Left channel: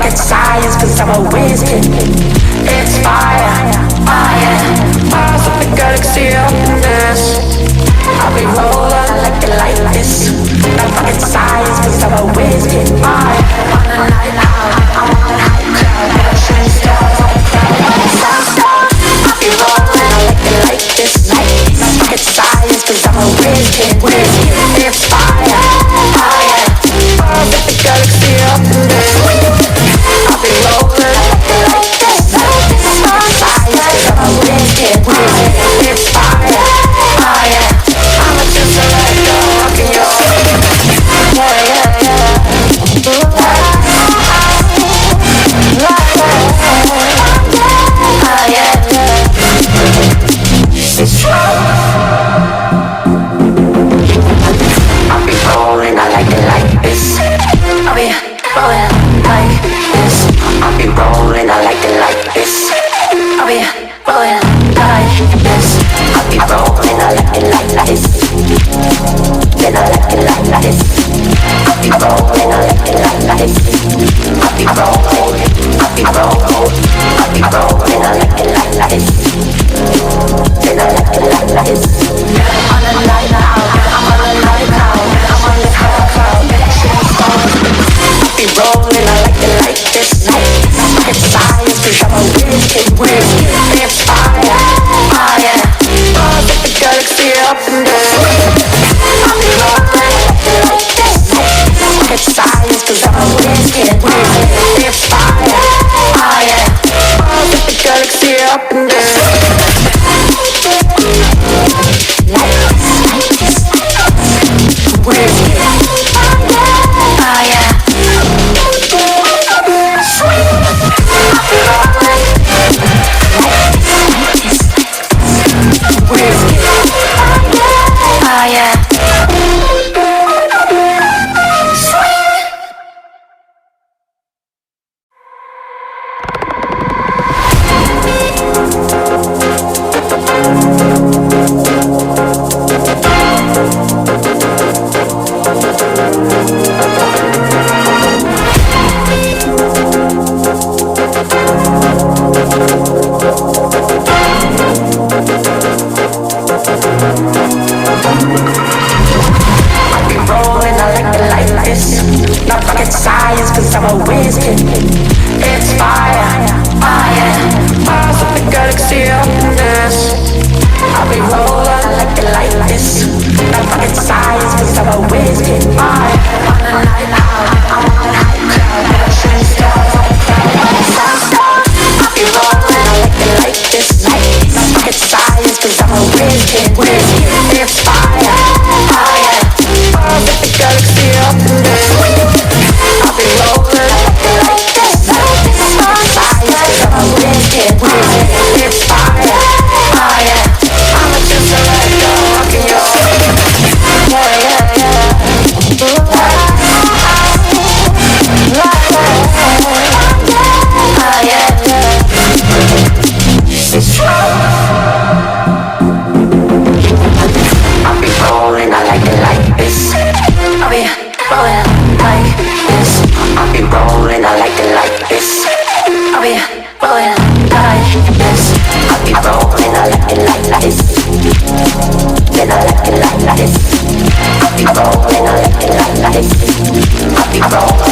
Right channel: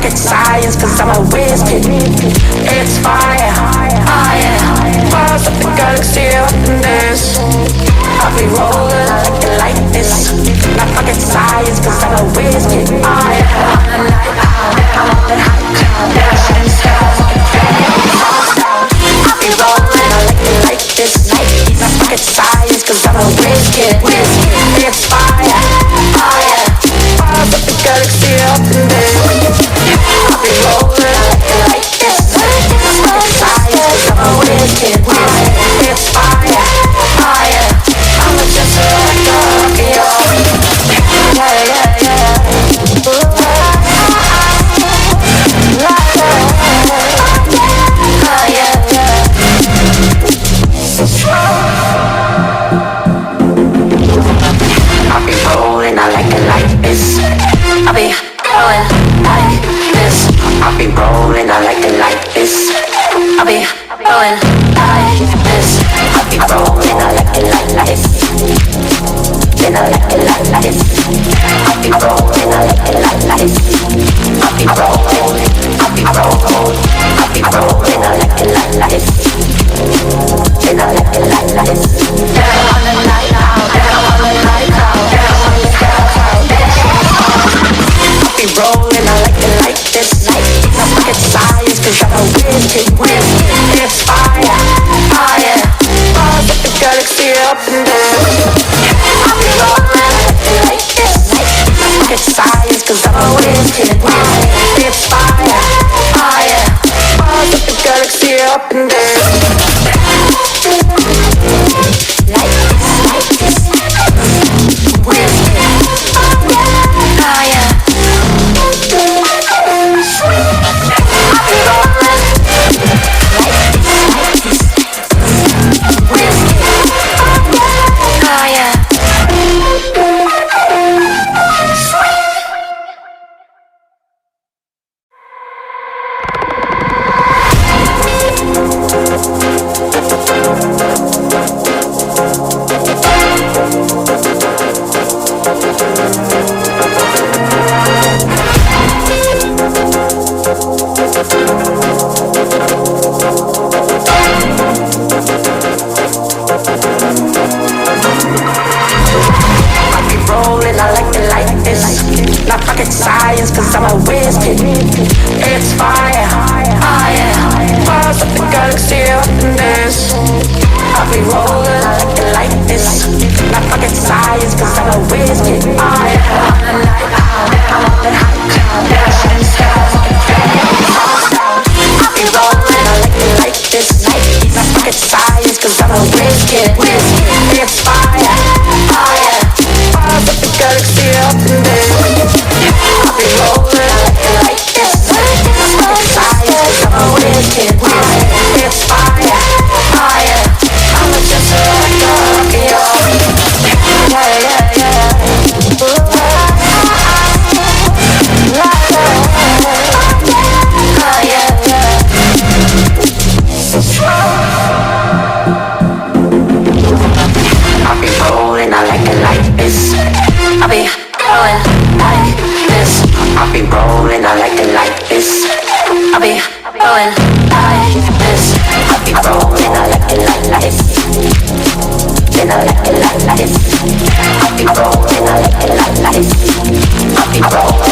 rocket science, cause I'm a whiz kid. It's fire, fire, fires up the galaxy up in this. I'll be rolling like it like this. Not rocket science, cause I'm a whiz kid. Fire, on the night out, I'm on the high cloud. Shooting stars at the crowd, sun's out. I'll be rolling, I like it like this. Not rocket science, cause I'm a whiz kid. It's fire, fire, fires up the galaxy up in this. I'll be rolling like this. Not rocket science, cause I'm a whiz kid. It's fire, fire. I'ma just let go, rockin' your yeah, yeah, yeah. Ooh, la, la, yeah, yeah. I'll be rolling, I like it like this. I'll be rolling like this. I'll be rolling, I like it like this. I'll be rolling like this. I'll be rolling, I like it like this. Then I like it like this. I'll be rolling, I like it like this. I'll be rolling, I'll be rolling, I'll be rolling, I like it like this. Then I like it like this. On the night out, I'm on the night out, I'm on the high cloud, shooting stars. I'll be rolling, I like it like this. Not rocket science, cause I'm a whiz kid. It's fire, fire, fires up the galaxy up in there. I'll be rolling like this. Not rocket science, cause I'm a whiz kid. It's fire, fire, fires up the galaxy up in there. Not rocket science, cause I'm a whiz kid. It's fire, fire, fires up the galaxy up in this. I'll be rolling like it like this. Not rocket science, cause I'm a whiz kid. Fire, on the night out, I'm on the high cloud. Shooting stars at the crowd, sun's out. I'll be rolling, I like it like this. Not rocket science, cause I'm a whiz kid. It's fire, fire, fires up the galaxy up in this. I'll be rolling like this. Not rocket science, cause I'm a whiz kid. It's fire, fire. I'ma just let go, rockin' your yeah, yeah, yeah. Ooh, la, la, yeah, yeah. I'll be rolling, I like it like this. I'll be rolling like this. I'll be rolling, I like it like this. I'll be rolling like this. I'll be rolling, I like it like this. Then I like it like this. I'll be rolling, I like it like this. I'll be rolling.